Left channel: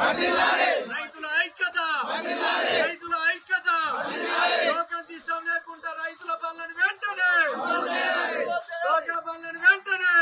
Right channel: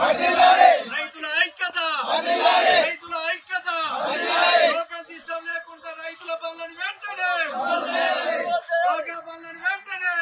రైతుల ఐక్యత రైతుల ఐక్యత టోకెన్ సిస్టమ్ లేకుండా రైతుల పనులను వెంటనే టోకెన్ పనులను వెంటనే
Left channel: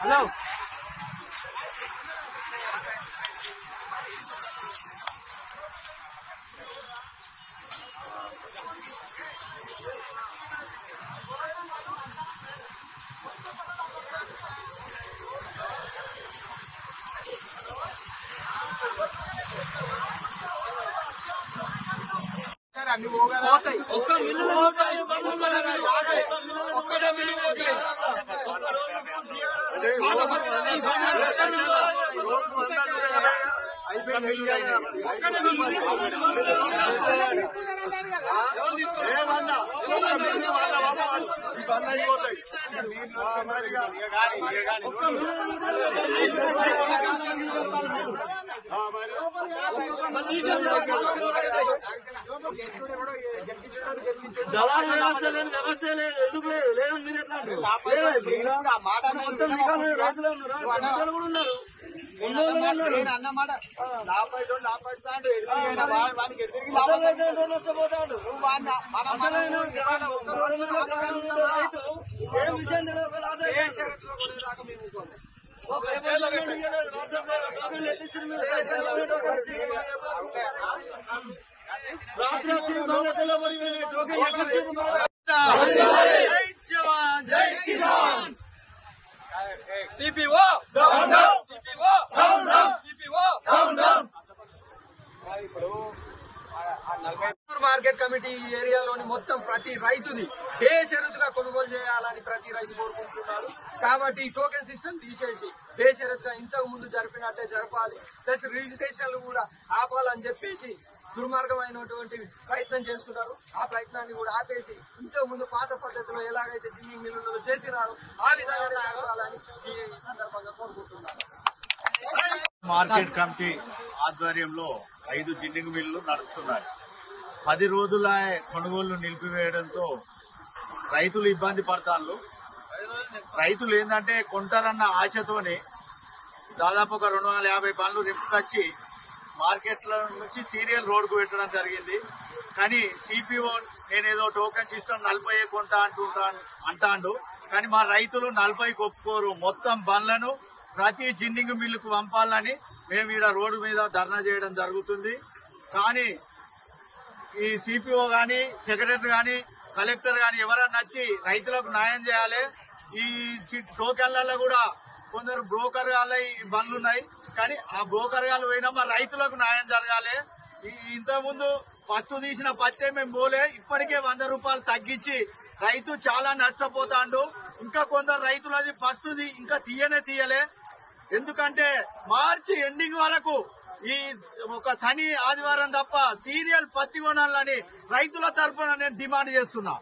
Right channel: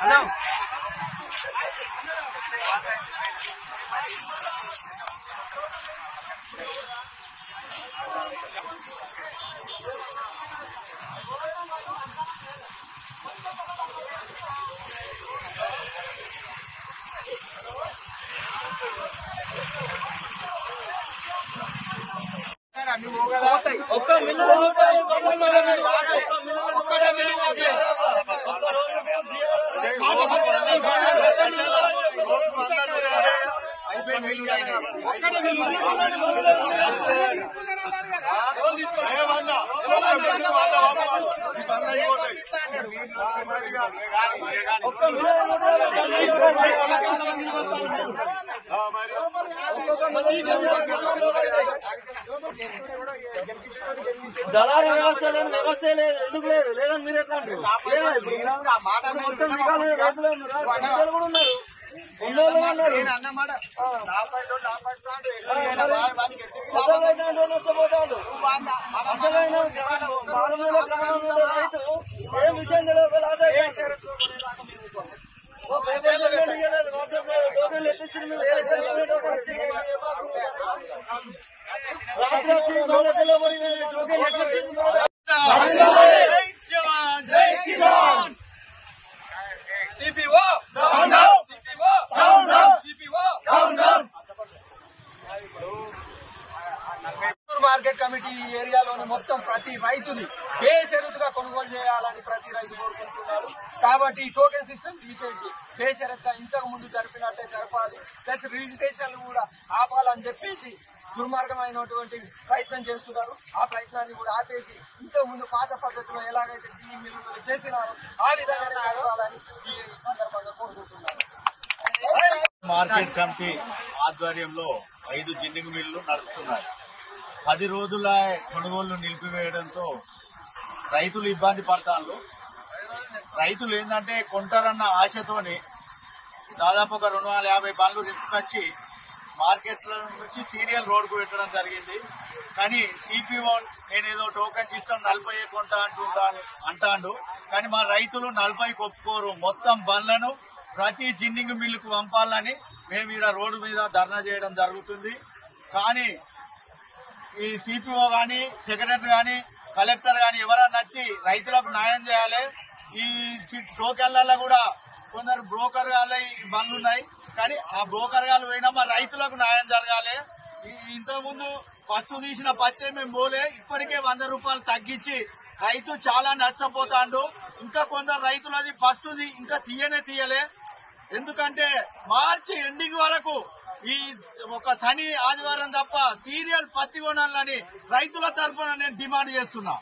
హలో ఒక్క మిల్లు దళారు వ్యవస్థ లేదు వ్యవస్థ లేదు ఎందుకు లేదు లేదని మీరు ఎట్లా అంటారు రైతులు కూడా ఉన్నారు ఏ విషయం సిపిఓ మార్కెట్ కమిటీ ఏరియాలోని మొత్తం ప్రతి రైతుని బేషరతుగా కొనుగోలు చేయాలని ప్రతి రైతు కోరుకుంటున్నారు. కాబట్టి ఈ టోకెన్ సిస్టమ్ తీసేసి బేషరతుగా ఇంతకు ముందు జరిపినట్టే జరపాలి, ప్లస్ రిజిస్ట్రేషన్లు కూడా ఆపాలని చెప్పేసి దుర్మార్గమైనటువంటి ప్రయత్నం చేస్తున్నారు. ఆ ప్రయత్నాన్ని కూడా ఆపేసి ఇంతకు ముందు పాత పద్ధతిలో ఎలాగైతే జిన్ని మిల్లులు చేసినారో ఆ విధంగానే జరపాలని ఈ సందర్భంగా కోరుకుంటున్నారు. మార్కెట్ కమిటీ ఆధ్వర్యంలో 5 జిన్నింగ్ మిల్లులు నడుస్తున్నాయి. 10 రోజుల కొనుగోళ్లు నిలిపివేయడంతో రైతులు ఇబ్బంది పడతారు. రైతులు ఏంటంటే కొంటారన్న ఆశతోని దాదాపు ఒక 250 బండ్లు రింపుకొచ్చి మార్కెట్ల నుంచి సీరియల్ రోడ్డుకు పెట్టడం జరిగింది. కానీ సిపిఓ నేనేదో టోకెన్ సిస్టమ్ 40 కొంటా అంటాడు. కానీ మా రైతులు 40కి ఒప్పుకోరు. మొత్తం బండ్లను ప్రతి జిన్నింగ్ మిల్లుకు పంపాలని మేము ఈడ రోడ్డు మీద ధర్నా చేయడం జరుగుతుంది. కానీ ఈ సిపిఓ గాని సెక్రటరీ గాని కలెక్టర్ గాని ఎవరన్నా వచ్చి రైతులకు న్యాయం చేయాలి. ఈ టోకెన్లలో కూడా కొందరు బ్రోకర్ గాళ్ళ బండ్లు ఉన్నాయి. కానీ ఆ బ్రోకర్ గాళ్ళు పోయినా మా రైతులకు న్యాయం జరగాలి. ఇంతకుముందు ఫస్ట్ తీసిన పత్తే మేము పోలే, ఇప్పటికే 100 రూపాయలు తగ్గించి రైతు చాలా నష్టపోతాడు. ఇంకా కొందరు రైతులది ఫస్ట్ ఇంకా తీయలే. ఎందుకంటే మార్చి ఎండింగ్ వరకు ఈ ఒక శని ఆదివారం తప్ప సీరియల్ పత్తి కొనాలని రైతుల తరఫున నేను డిమాండ్ చేస్తున్నా.